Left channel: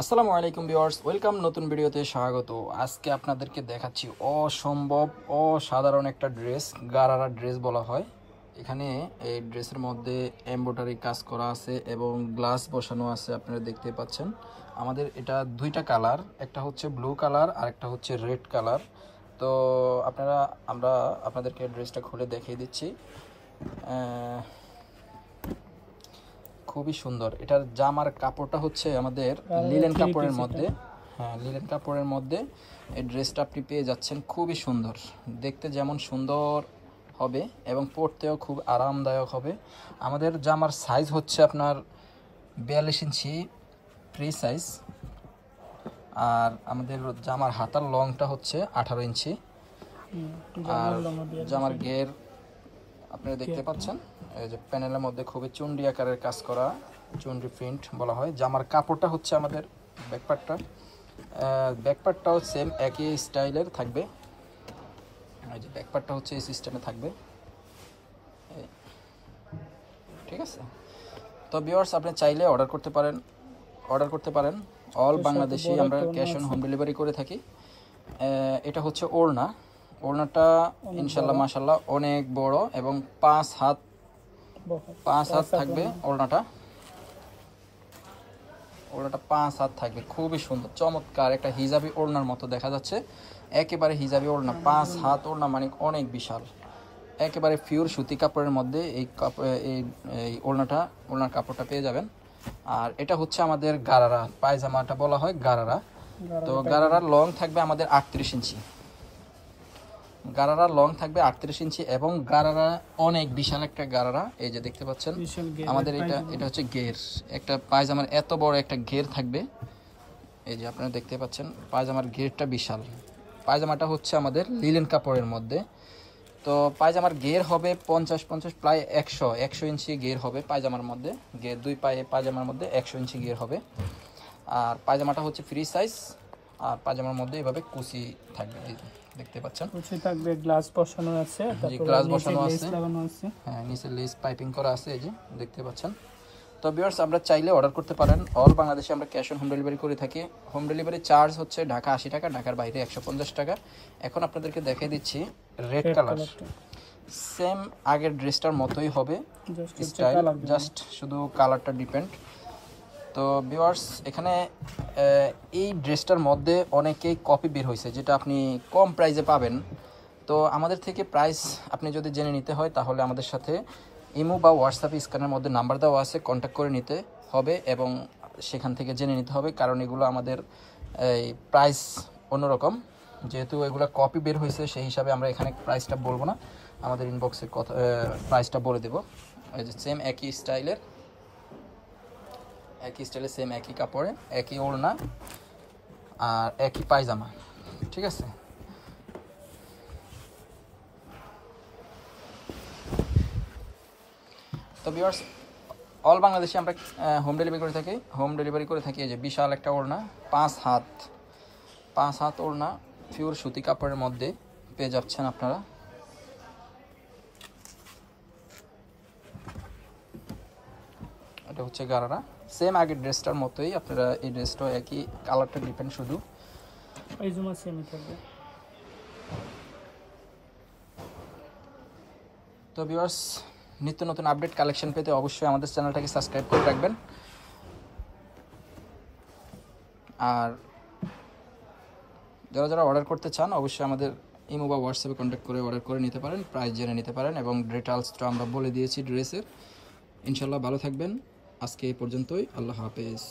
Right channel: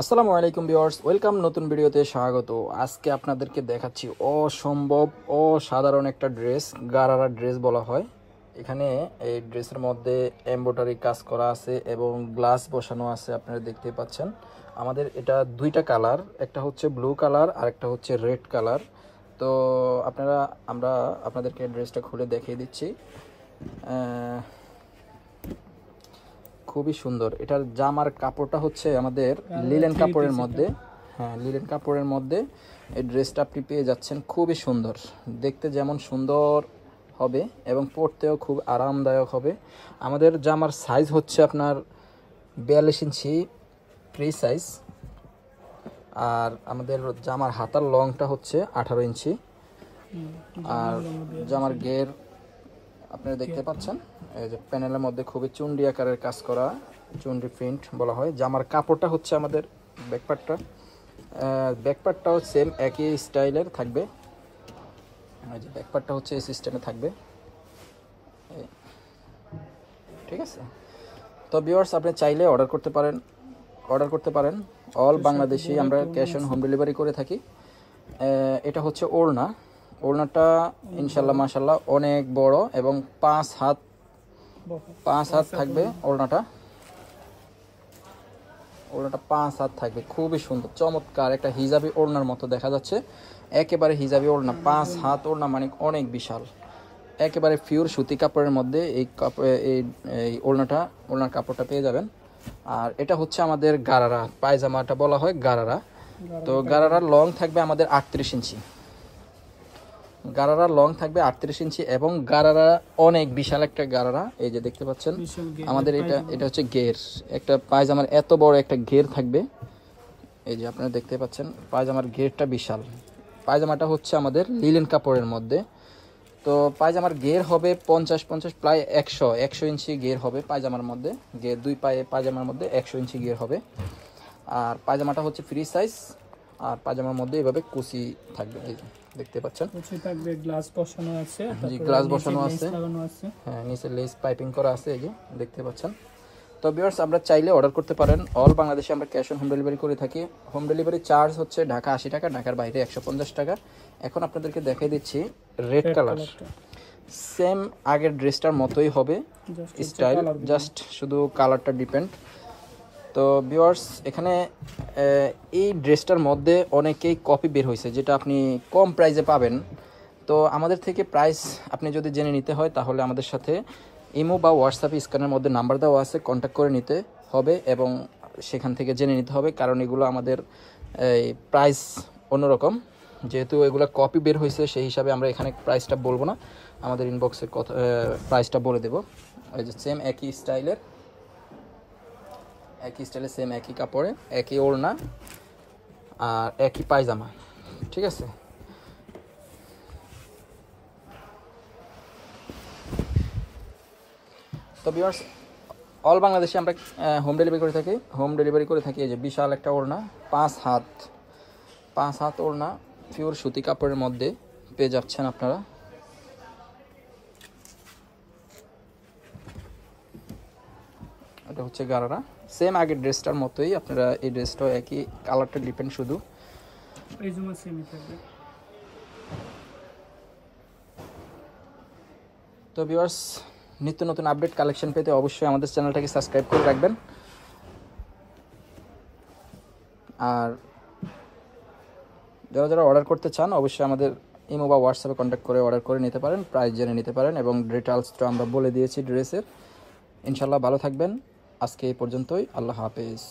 আসসালামু আলাইকুম viewers, welcome নতুন ভিডিওতে স্বাগত। আজকে আপনাদেরকে দেখাচ্ছি অসম্ভব অসাধারণ একটা ড্রেস, গারারা ড্রেস বলা হয়। এখানে এই ড্রেসের মধ্যে এমব্রয়ডারি কাজ করা আছে এবং গ্লাস বসানো আছে, আপনারা দেখতেই পাচ্ছেন। আমাদের এটা দুইটা কালার, একটা হচ্ছে ব্লু কালার আর একটা হচ্ছে রেড কালার। তো আমরা আপনাদেরকে ড্রেসটা খুলে দেখিয়ে দিচ্ছি। খুবই সুন্দর। এটার জামার কাপড়টা হচ্ছে আমাদের লিনেন কাপড়ের মধ্যে। হ্যাঁ, লিনেন কাপড়ের মধ্যে এই ড্রেসটা আপনি পেয়ে যাচ্ছেন। খুবই সুন্দর, দেখতে যেমন সুন্দর হবে এবং পরতেও খুব আরামদায়ক হবে। আমাদের জামার সাইজ হচ্ছে আপনার 42 ইঞ্চি ফ্রি সাইজ, আর আমাদের জামার হাতার লংটা হচ্ছে 18 ইঞ্চি। আর জামার গের আপনারা দেখতে পাচ্ছেন, এই যে প্যানেলের মধ্যে খুবই চুন্ডি আকারের কাজ করা, চুন্ডি প্রিন্ট বলা হয়। জামার কাপড়টা হচ্ছে আমাদের ব্যাকপার্টটাও সেম একই স্টাইলের থাকবে। এই যে ব্যাকপার্টটা হচ্ছে এই সিস্টেমে থাকবে, ঠিক আছে। তো ভিউয়ার্স, আপনি চাইলে অর্ডার করতে পারেন। অল বাংলাদেশে আমরা ক্যাশ অন হোম ডেলিভারি করে থাকি। এটা হচ্ছে ওড়নাটা ইনশাল্লাহ মাশাল্লাহ অনেক বড় এবং 5 হাত থাকবে। ওড়নাটা 5 হাত থাকবে, খুবই সুন্দর চমৎকার একটা হিজাবি ওড়নার মতো দেখা যাচ্ছে। একেবারে হিজাবি ওড়না, 5 হাত ওড়না, মানে অনেক বিশাল। একেবারে পিওর সুতি কাপড়ের মধ্যে এই ওড়নার কাপড়টা পেয়ে যাবেন। আর এটা হচ্ছে আমাদের গারারা পায়জামাটা বলা হয় গারারা। তো গারারার লং থাকবে আমাদের 38 ইঞ্চি। গারারা লং থাকবে 38 ইঞ্চি এবং গারারা অনেক বিশাল একটা গারারা। এই যে দেখতে পাচ্ছেন আমাদের এটা হচ্ছে ঘের, একটা পায়জামার এত বড় একটা ঘের থাকবে। এই যে আপনারা দেখতে পাচ্ছেন পায়জামার ঘেরটা বিশাল। পায়জামাটা হচ্ছে আমাদের লিনেন কাপড়ের মধ্যে। তো পায়জামার ঘের হবে 50 প্রায় 100 ইঞ্চি ঘের হবে পায়জামার মধ্যে। ঘের দুই পায়ে পায়জামার মধ্যে 100 ইঞ্চি ঘের হবে। আর পায়জামাটা হচ্ছে ফ্রি সাইজ, আর পায়জামার মধ্যে এভাবে কুচি থাকবে। এই যে দেখতে পাচ্ছেন কুচি থাকবে, গ্লাস বসানো আছে, তারপরে নিচে লেস লাগানো আছে। হ্যাঁ, নিচে লেস পাইপিং করা আছে, এই যে দেখতে পাচ্ছেন। তো ভিউয়ার্স, আমরা চাইলে অর্ডার করতে পারেন। অল বাংলাদেশে আমরা ক্যাশ অন হোম ডেলিভারি করে থাকি। হোম ডেলিভারি চার্জ হচ্ছে ঢাকা 80 টাকা, ঢাকার বাইরে 150 টাকা। এখন আপনাদেরকে দেখিয়ে দিচ্ছি রেড কালার। সেম আগের ড্রেসটার মতোই হবে স্টাইল, জাস্ট শুধু কালারটা ডিপেন্ড। তো ভিউয়ার্স, এখানে এই ড্রেসটার মধ্যে অনেকেই কপি বের হয়েছে, যেটা আপনি কম প্রাইসে পাবেন। তো আমাদের থেকে প্রাইস আপনি যদি জেনে নিতে হয় তাহলে আমাদের সাথে ইমো বা হোয়াটসঅ্যাপে স্ক্যানের মধ্যে নাম্বার দেওয়া আছে, কন্ট্যাক্ট করে নিতে হবে এবং সেখান থেকে জেনে নিতে হবে। কারণ এগুলো আমাদের এই প্রাইস অন্যরকম, যেহেতু এগুলো কপি বের হয়েছে সেই হিসাবে আমরা এখানে প্রাইসটা বলবো না, আমাদের ইনবক্সে প্রাইসটা বলে দেবো। এই যে সেম একই স্টাইলে সেম একই কাপড়ে একই ওড়না আর একই পায়জামা, ঠিক আছে। তো ভিউয়ার্স, অল বাংলাদেশে আমরা হোম ডেলিভারি করে থাকি। এই যে বিশাল একটা ওড়না, 5 হাত ওড়না, পিওর সুতি কাপড়ের মধ্যে পেয়ে যাচ্ছেন আপনারা। এটা হচ্ছে গারারা, সেম আগের ড্রেসটার মতোই। আপনারা এই ড্রেসটার একই কালারটা ডিপেন্ড, শুধু পায়জামা সেমই থাকবে। তো ভিউয়ার্স, নিত্য নতুন আপডেট কালেকশন পেতে অবশ্যই আমাদের চ্যানেলটাকে সাবস্ক্রাইব করে রাখবেন। আর যারা অর্ডার করতে চান অবশ্যই আমাদের ইমো বা হোয়াটসঅ্যাপে কন্ট্যাক্ট করে অর্ডার করে নিতে পারেন, প্রাইস জেনে নিতে পারেন এবং ডিটেইলসটা আমরা বলে দিয়েছি ড্রেসের। ইনশাল্লাহ ভালো থাকবেন। আজকে এই পর্যন্তই, আল্লাহ হাফেজ।